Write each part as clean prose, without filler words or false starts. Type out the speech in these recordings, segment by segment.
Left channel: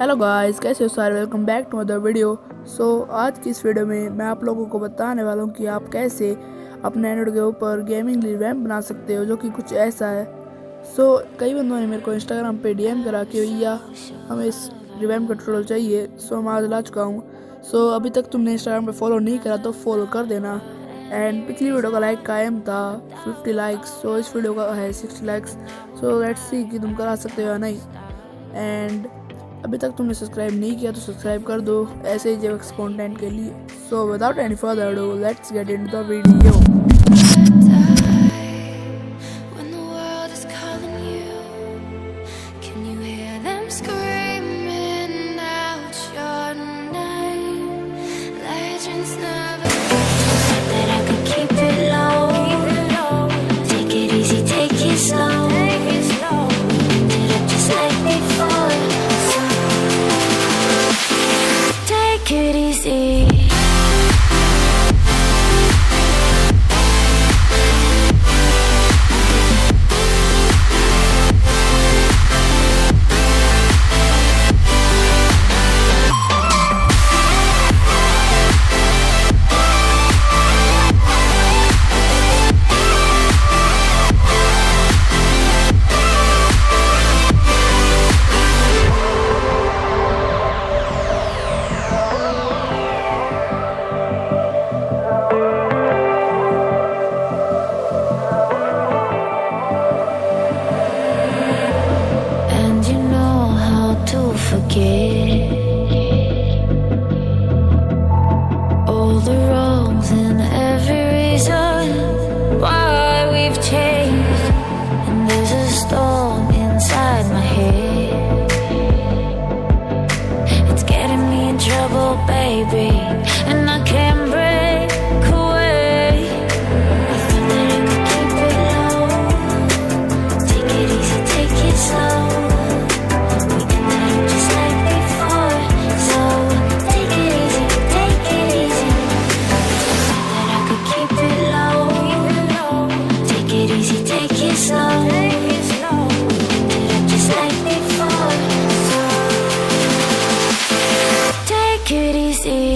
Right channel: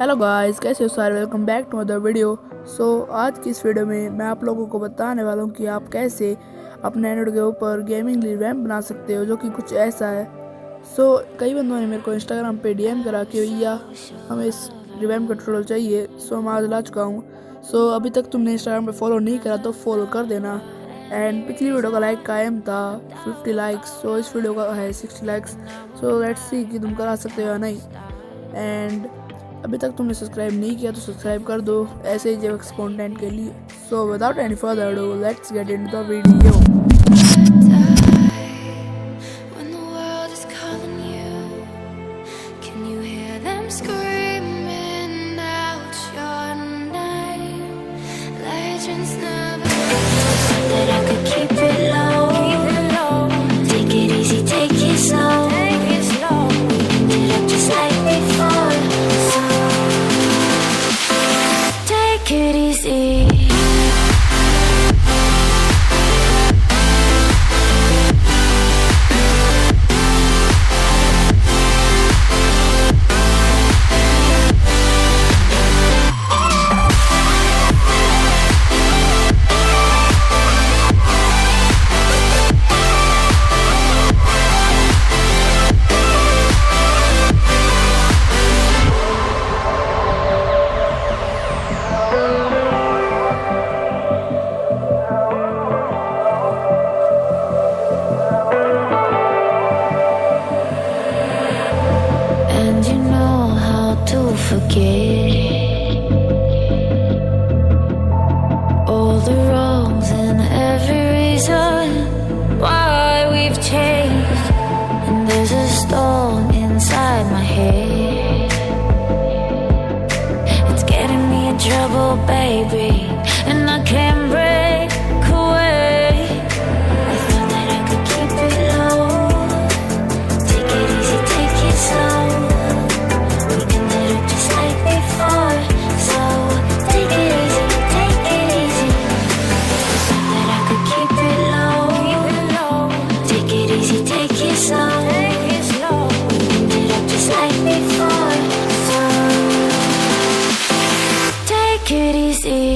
Hello guys, कैसे हो सारे। Welcome back to other video. आज की इस वीडियो में मैं आप लोगों को बताने वाला हूँ कि आप कैसे अपने एंड्रॉइड के ऊपर गेमिंग रिवैम्प बना सकते हो, जो कि कुछ ऐसा है। कई बंदों ने मेरे को इंस्टाग्राम पे डीएम करा कि भैया हमें इस रिवैम्प का ट्यूटोरियल चाहिए। मैं आज ला चुका हूँ। अभी तक तुमने इंस्टाग्राम पे फॉलो नहीं करा तो फॉलो कर देना। एंड पिछली वीडियो का लाइक कायम था 50 लाइक्स, इस वीडियो का है 60 लाइक्स। लेट्स सी कि तुम करा सकते हो या नहीं। एंड अभी तक तुमने सब्सक्राइब नहीं किया तो सब्सक्राइब कर दो ऐसे ही जेवक्स कंटेंट के लिए। Without any further ado, let's get into the video. Take it easy. And you know how to forget all the wrongs and every reason why we've changed. And there's a storm inside my head, it's getting me in trouble, baby, and I can't break away. I thought that I could keep it low, take it easy, take it slow. We ended up just like before, so take it easy, take it easy. I thought that I could keep it low, take it easy, take it slow. We ended up just like before, so take it easy.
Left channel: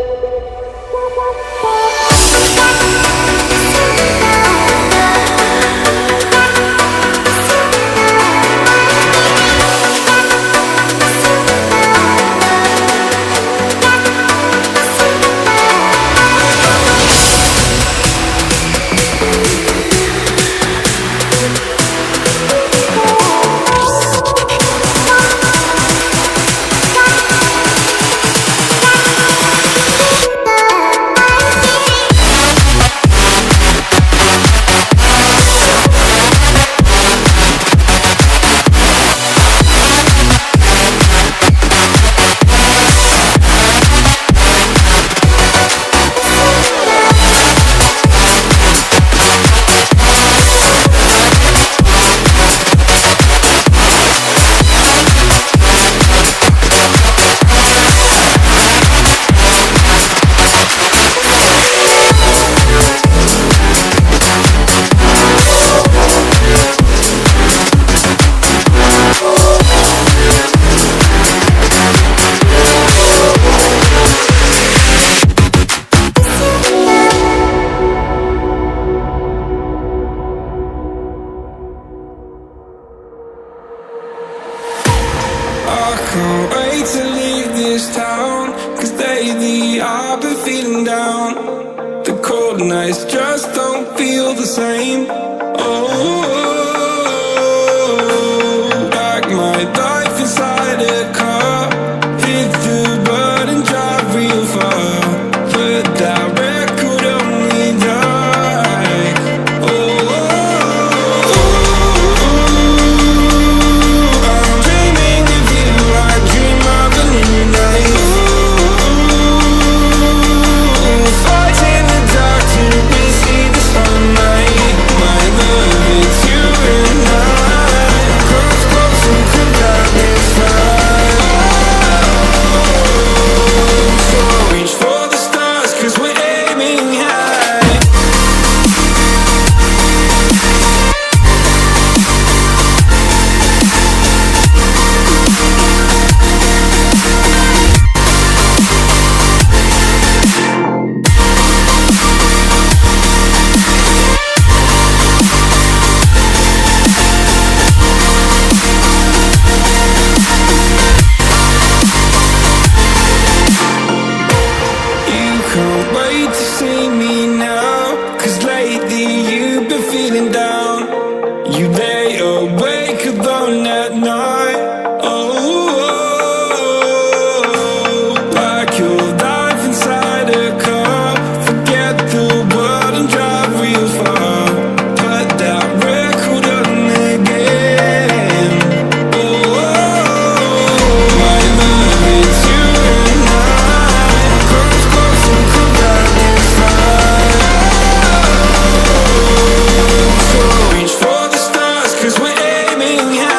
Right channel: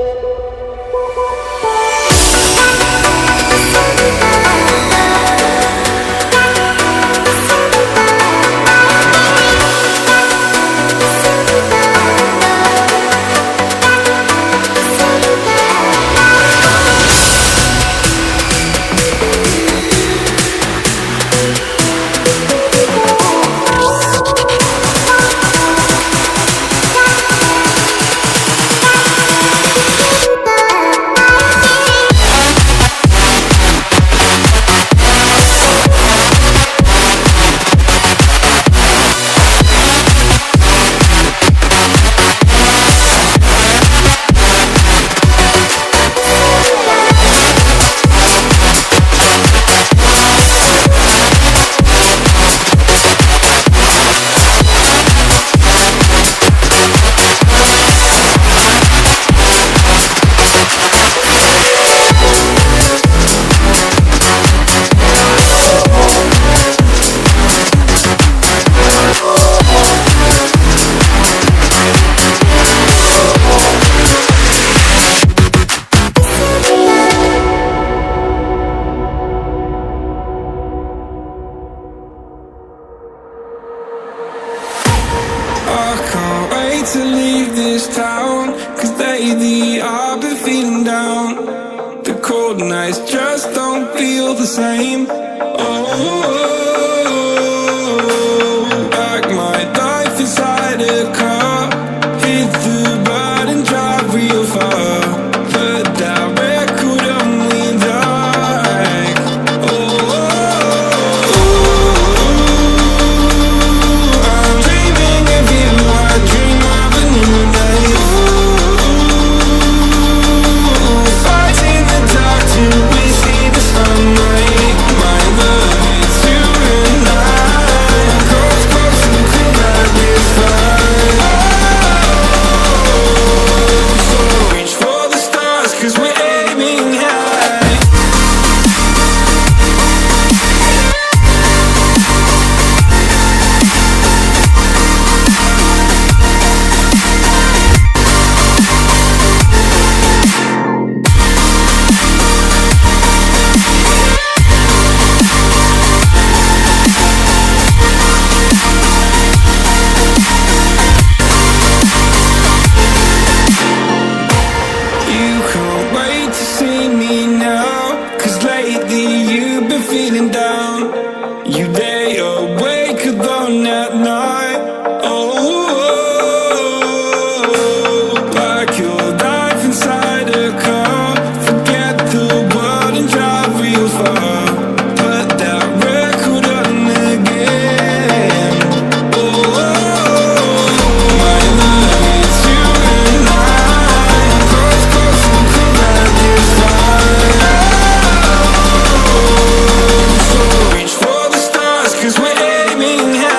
I can't wait to leave this town, 'cause lately I've been feeling down. The cold nights just don't feel the same. Oh, like my life inside a car. Hit the button, drive real far. But that record on me like, oh, I'm dreaming of you. I dream of a new day. Fight in the dark till we see the sunlight. My love, it's you and I. Close, close, who could light this fire? So reach for the stars, 'cause we're aiming high. You can't wait to see me now, 'cause lately you've been feeling down. You lay awake alone at night. Oh, like your life inside a car. Forget the world and drive real far. Put that record on again. Oh, my love, it's you and I. Close, close, who could light this fire? So reach for the stars, 'cause we're aiming high.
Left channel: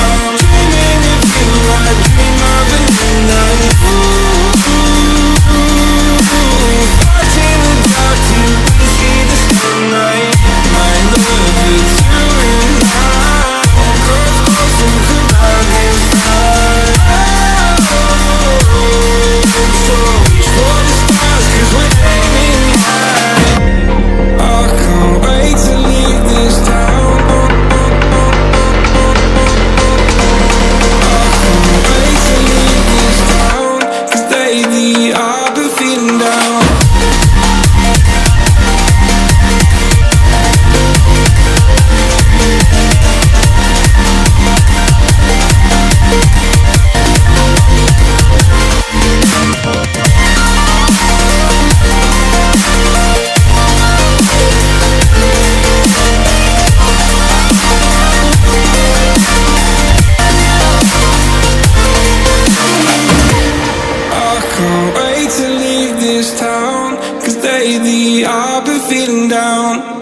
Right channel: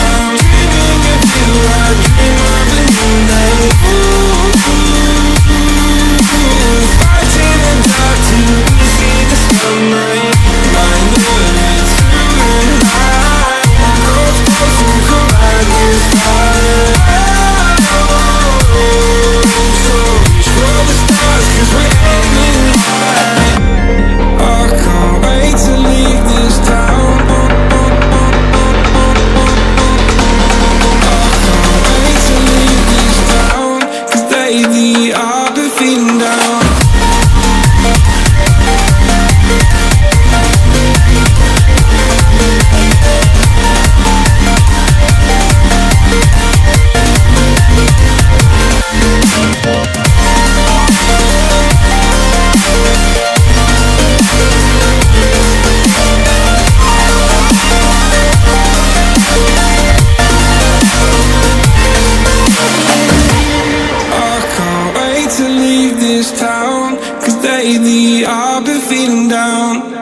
I'm dreaming of you. I dream of a new night. Fight in the dark till we see the sunlight. My love, it's you and I. Close, close, who could light this fire? So reach for the stars, 'cause we're aiming high. I can't wait to leave this town. I can't wait to leave this town, 'cause lately I've been feeling down. I can't wait to leave this this town, 'cause lately I've been feeling down.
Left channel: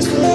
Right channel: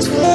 Snax.